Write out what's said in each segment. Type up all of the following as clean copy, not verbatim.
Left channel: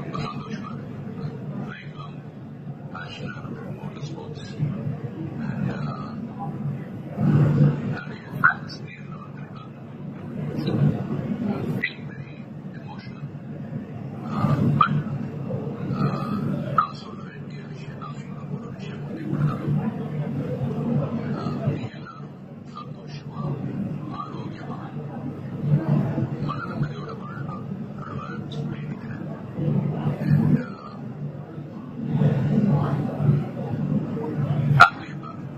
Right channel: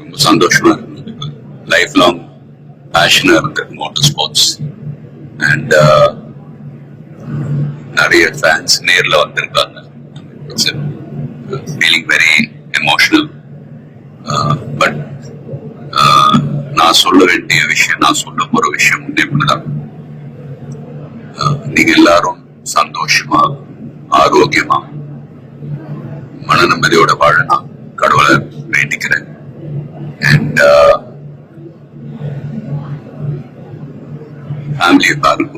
ரொம்ப சந்தோஷமா இருக்கு. லைஃப் லாங் பேஷனா இருக்கு மோட்டார் ஸ்போர்ட்ஸ். அண்ட் நிறைய ஃபேன்ஸ் நேர்ல வந்திருக்காங்க. It's feeling very emotional. But நான் சொல்ல வேண்டிய விஷயம், நான் சொல்ல போற விஷயம் இப்படிதான். நீங்க எல்லாரும் சந்தோஷமா, ஆரோக்கியமா, மன நிம்மதியோட வாழ நான் கடவுளை வேண்டிக்கிறேன். அண்ட் ஃபேமிலியை பாருங்க,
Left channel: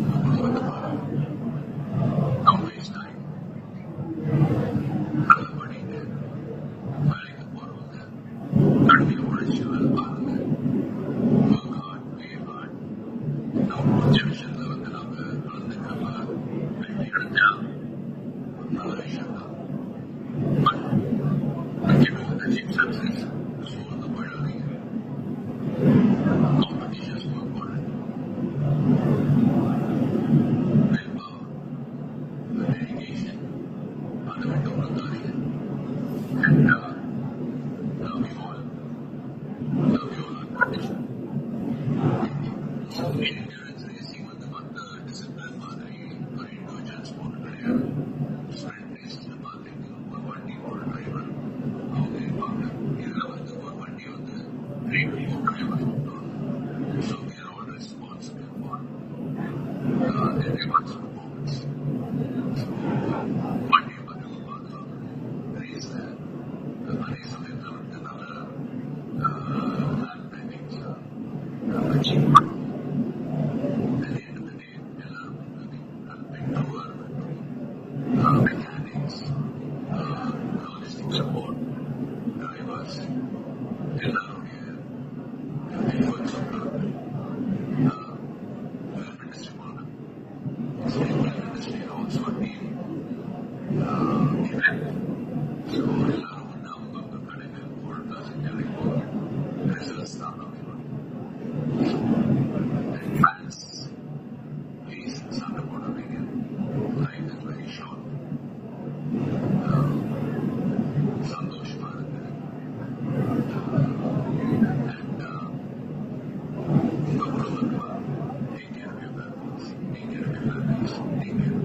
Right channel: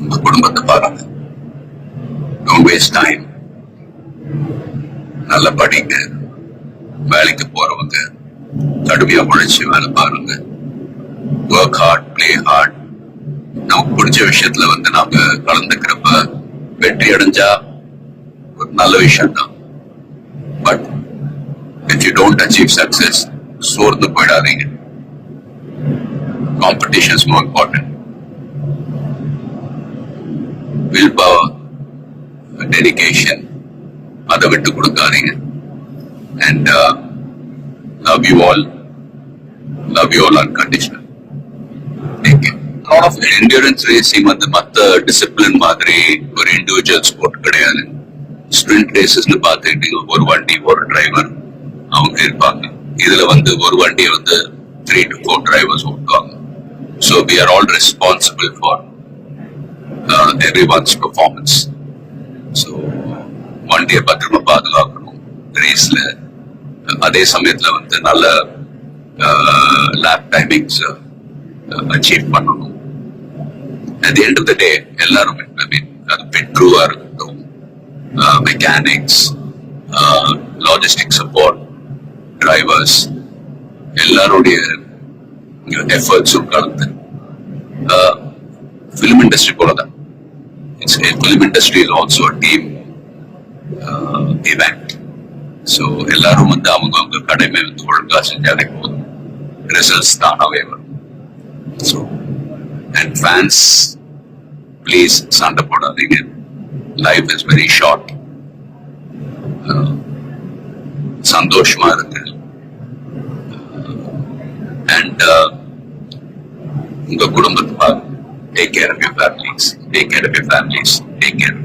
உங்க குடும்பத்தை பாருங்க. Don't waste time. நல்லா படிங்க. வேலைக்கு போறவங்க கடுமையா உழைச்சு வேலை பாருங்க. Work hard, play hard. நமக்கு பிடிச்ச விஷயத்துல நாம கலந்துக்கிறப்ப வெற்றி அடைஞ்சா ஒரு நல்ல விஷயம் தான். But if you don't achieve success, சோர்ந்து போயிடாதீங்க. Competition is more important. Will power, dedication, அதை விட்டு கொடுக்காதீங்க. And love you all unconditional. Take care. Endurance racing மத்த டிசிப்ளின் மாதிரி ஒரு இண்டிவிஜுவல் ஸ்போர்ட் கிடையாது. ஸ்பிரிண்ட் ரேசஸ்ல பாத்துக்கிட்டீங்க, ஒரு வண்டி ஒரு டிரைவர் அவங்க இருப்பாங்க. இதுல ஒரு வண்டியை 3 to 4 டிரைவர்ஸ் ஓட்டுவாங்க. So we are all responsible for everyone's performance. So வண்டியை பத்திரமா பாதுகாக்கணும் ரேஸ்ல. அதே சமயத்துல நல்ல லேப் டைமிங்ஸ் அச்சீவ் பண்ணணும். At the end of the day, எல்லாரும் அது பெட்ரோவா இருக்கட்டும், மெக்கானிக்ஸ், லாஜிஸ்டிக் சப்போர்ட், டிரைவர்ஸ், எல்லாருடைய எஃபர்ட்ஸும் கலந்து ஃபிலிம் இண்டஸ்ட்ரி போலதான். Film industry is also a team event. So எல்லாரும் அவங்க கடமை ஒழுங்கா செஞ்சாலே போதும், ரிசல்ட்ஸ் தானாவே வரும். ஸோ அண்ட் ஃபேன்ஸ், ப்ளீஸ் சண்டை போடாதீங்க. Life is very short. சந்தோஷமா இருக்கு. அண்ட் உங்க குடும்பத்தை take care of your families, take care of your families, take care